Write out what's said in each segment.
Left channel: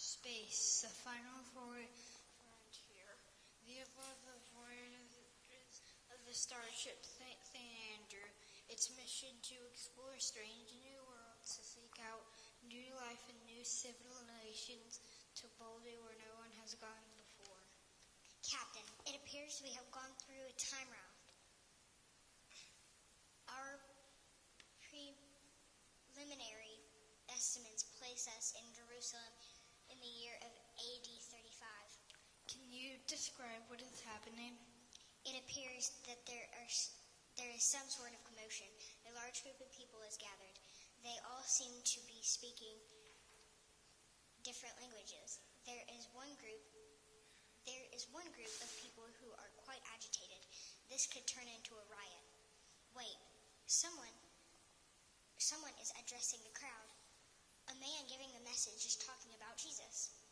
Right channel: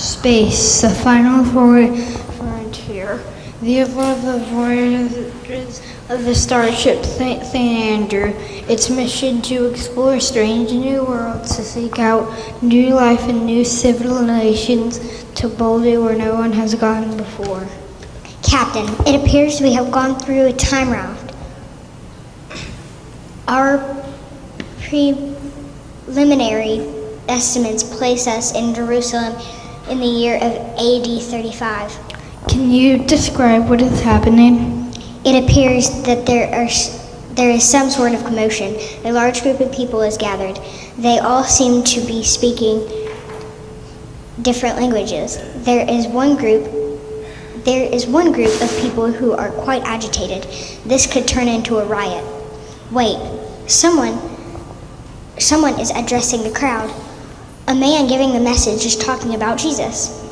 Space, the final frontier. These were the voyages of the starship St. Andrew. Its mission to explore strange new worlds, to seek out new life and new civilizations, to boldly where no one has gone before. Captain, it appears we have gone through a time raft. Our preliminary estimates place us in Jerusalem in the year of AD 35. Can you describe what is happening? It appears that there is some sort of commotion. A large group of people is gathered. They all seem to be speaking different languages. There is one group of people who are quite agitated. This could turn into a riot. Wait, someone is addressing the crowd. A man giving the message is talking about Jesus.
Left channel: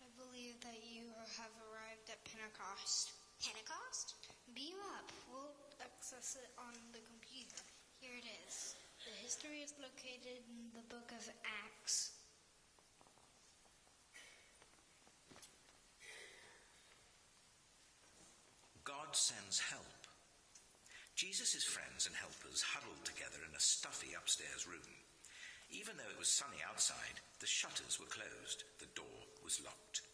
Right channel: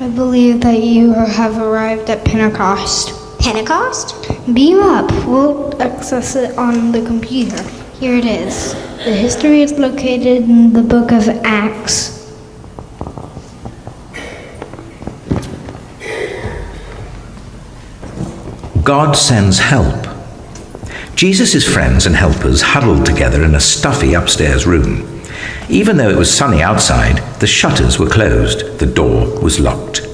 I believe that you have arrived at Pentecost. Pentecost? Beam up. We'll access it on the computer. Here it is. The history is located in the book of Acts. God sends help. Jesus' friends and helpers huddled together in a stuffy upstairs room. Even though it was sunny outside, the shutters were closed, the door was locked.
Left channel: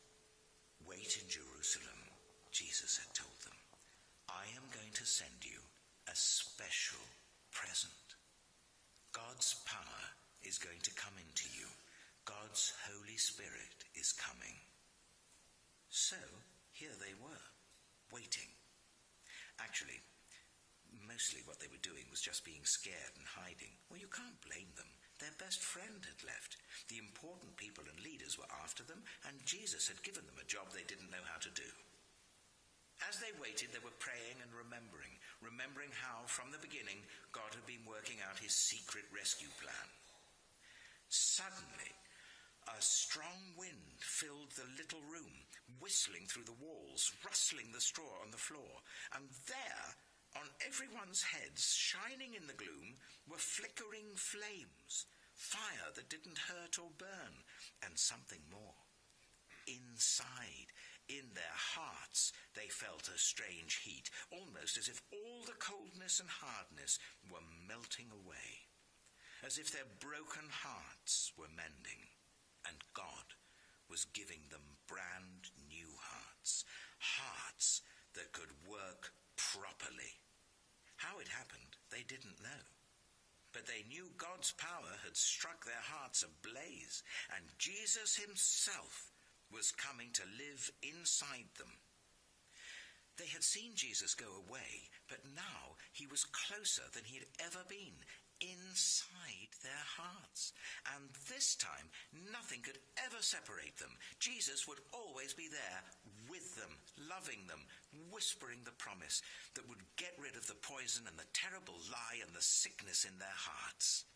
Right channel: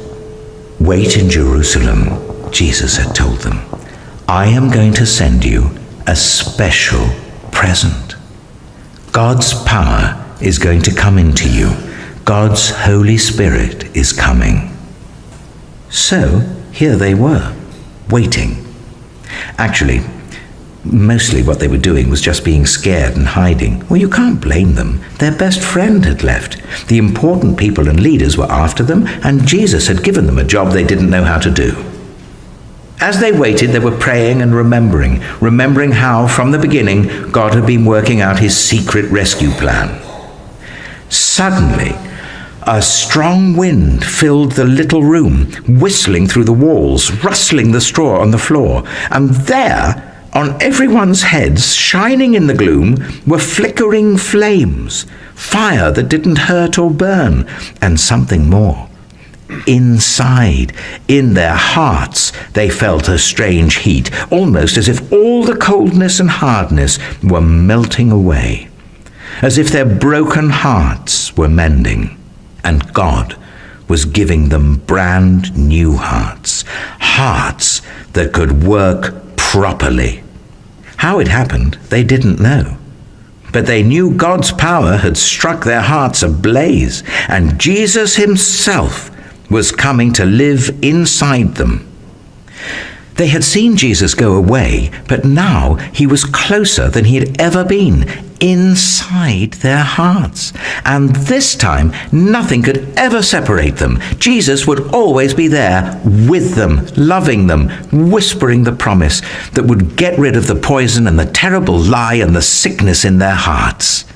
"Wait in Jerusalem," Jesus had told them. "I am going to send you a special present. God's power is going to come into you. God's Holy Spirit is coming." So here they were, waiting. Actually, mostly what they were doing was just being scared and hiding. Well, you can't blame them. Their best friend had left. The important people and leaders were after them, and Jesus had given them a job they didn't know how to do. As they waited, they were praying and remembering how, from the beginning, God had been working out his secret rescue plan. Suddenly, a strong wind filled the little room, whistling through the walls, rustling the straw on the floor, and there, on everyone's heads, shining in the gloom, were flickering flames, fire that didn't hurt or burn, and something more. Inside, in their hearts, they felt a strange heat, almost as if all the coldness and hardness were melting away, as if their broken hearts were mending, and God was giving them brand new hearts, hearts that could work properly. How it happened, they didn't know. But they knew God's power had struck their hearts ablaze, and Jesus himself was coming to live inside them. They had seen Jesus go away, but now he was closer than he had ever been, inside their hearts. And this time, nothing could ever separate them. Jesus would always be there with them, loving them, whispering the promise that would get rid of the poison and the terrible lie and the sickness in their hearts.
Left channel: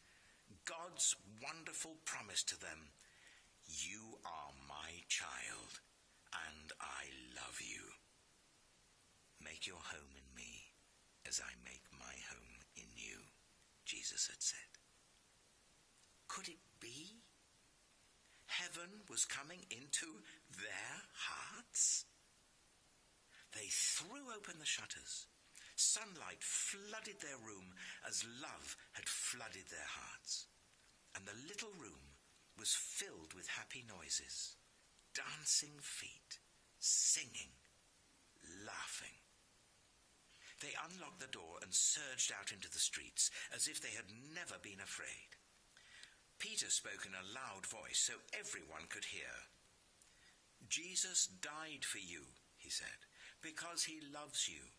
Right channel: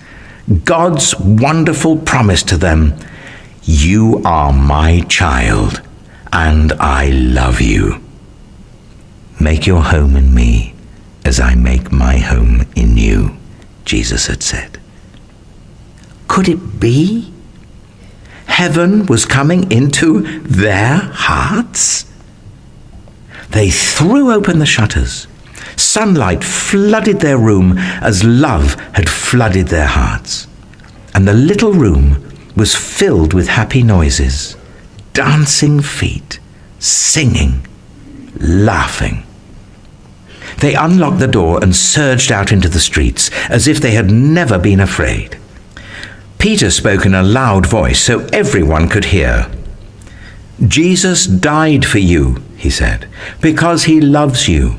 God's wonderful promise to them: "You are my child, and I love you. Make your home in me as I make my home in you," Jesus had said. Could it be? Heaven was coming into their hearts? They threw open the shutters. Sunlight flooded their room as love had flooded their hearts. And the little room was filled with happy noises, dancing feet, singing, laughing. They unlocked the door and surged out into the streets as if they had never been afraid. Peter spoke in a loud voice so everyone could hear. "Jesus died for you," he said, "because he loves you.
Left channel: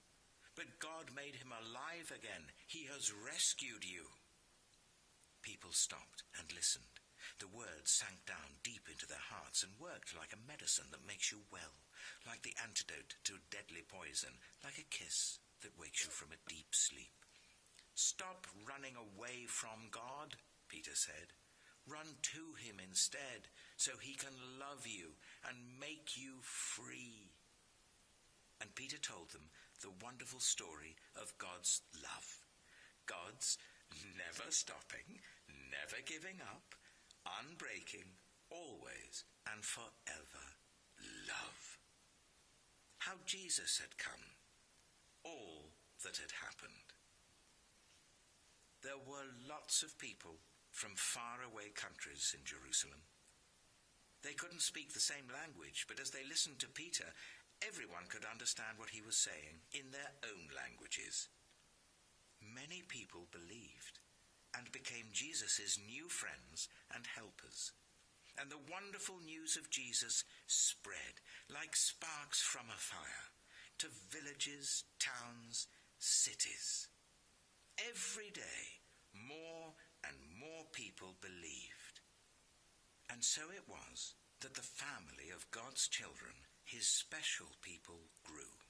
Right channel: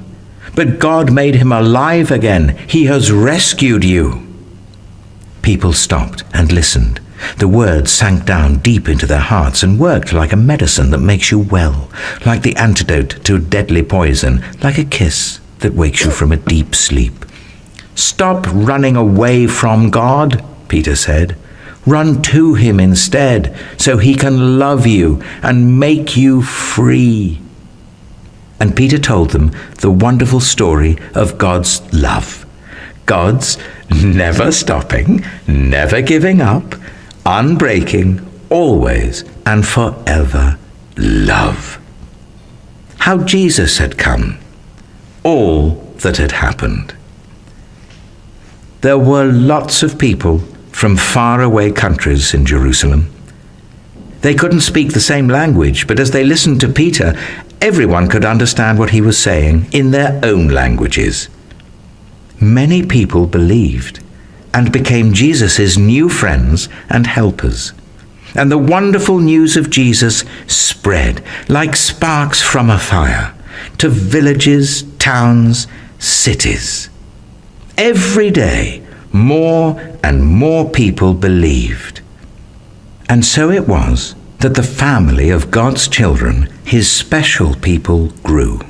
But God made him alive again. He has rescued you." People stopped and listened. The words sank down deep into their hearts and worked like a medicine that makes you well, like the antidote to deadly poison, like a kiss that wakes you from a deep sleep. "Stop running away from God," Peter said. "Run to him instead, so he can love you and make you free." And Peter told them the wonderful story of God's love. God's never stopping, never giving up, unbreaking, always and forever love. How Jesus had come, all that had happened. There were lots of people from faraway countries in Jerusalem. They couldn't speak the same language, but as they listened to Peter, everyone could understand what he was saying in their own languages. Many people believed and became Jesus' new friends and helpers. And the wonderful news of Jesus spread like sparks from a fire to villages, towns, cities. Every day, more and more people believed. And so it was that the family of God's children, his special people, grew.